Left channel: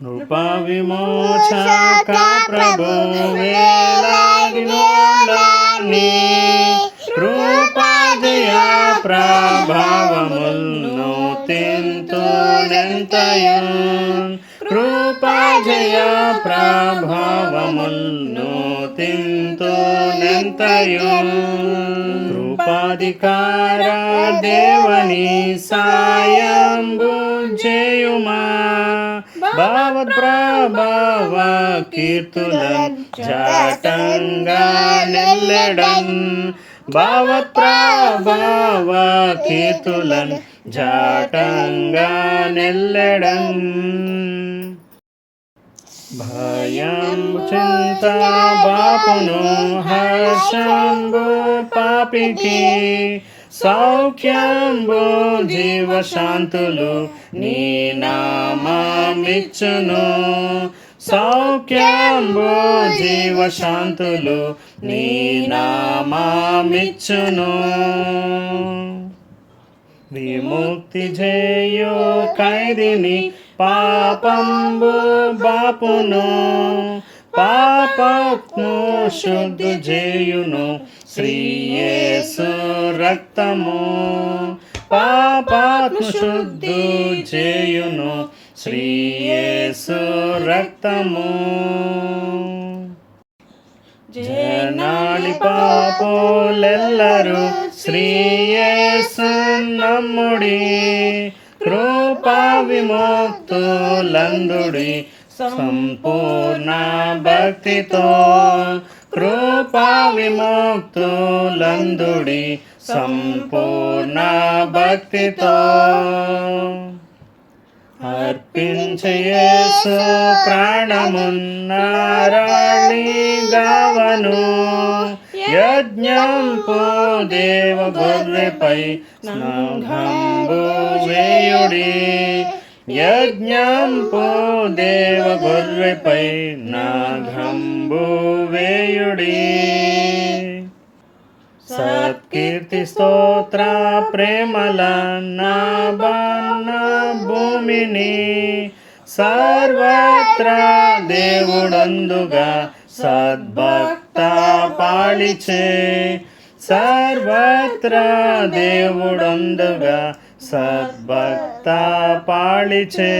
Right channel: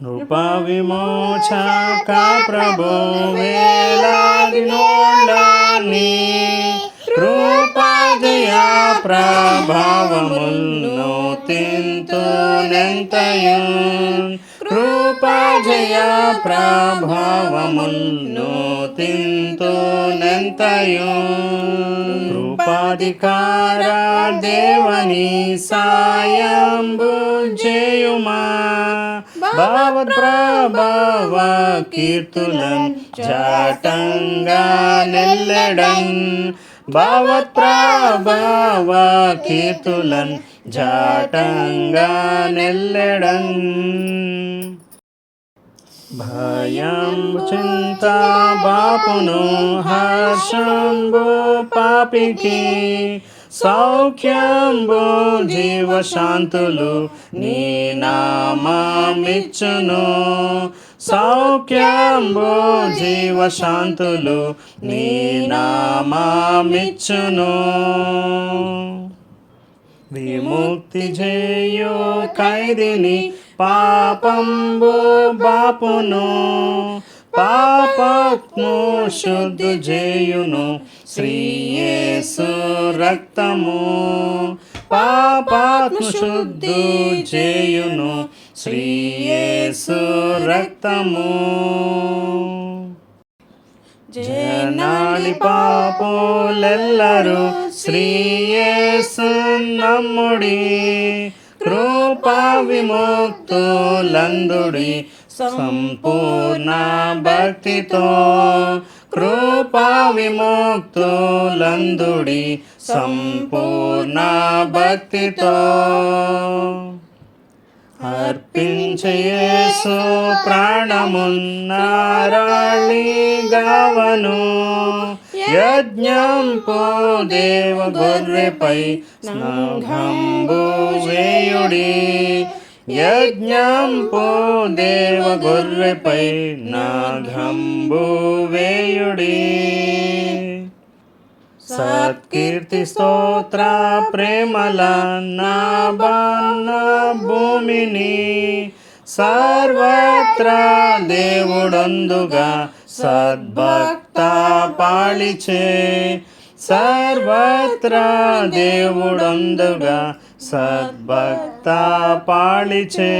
కృపా విమోచక ప్రభు వేలాది నోళ్ళని కృపా జయ ప్రభావములను తింతునెంతయు కృపా జయ ప్రభావములను తింతునెంతయు కృపాధికార దేవని సాయంబు చేయుమా భావత్ ప్రభావ కీర్తులన్ జాటంగా నెల్లెడన్ భావత్ ప్రభావ కీర్తులన్ జాటంగా నెల్లెడన్ భయం చింత బాపును హర్షంబు పాపికి సౌఖ్యంబు జీవశాంతులు నీ నామమిచ్చును సౌఖ్యంబు జీవశాంతులు నీ నామమిచ్చును విముక్తి చేయు ఖైదీని పాపంబు బాపును పాపము శుద్ధి చేయును శ్రీయేసు రక్తము పాపము శుద్ధి చేయును శ్రీయేసు రక్తము జనాలి పాపులెల్లరూ శ్రీయేసు నమ్ముడి కృపా విముక్తులందుడి సంపూర్ణ భక్తితో కృపా విముక్తులందుడి సంపూర్ణ భక్తితో అర్పించయేసు ప్రాణమున్నారాణి గావను యజ్ఞంపు దేవ గొర్రెపై స్నాఘంబు వేయుడి యజ్ఞంపు దేవ గొర్రెపై నాఘంబు వేయుడి సత్కీర్తి స్తోత్ర ప్రేమల నా బాణ భూమిని సర్వత్రా దేవుడందుగా సద్భక్త పాలిచే సర్వత్రా దేవుడందుగా సద్భక్త పాలిచే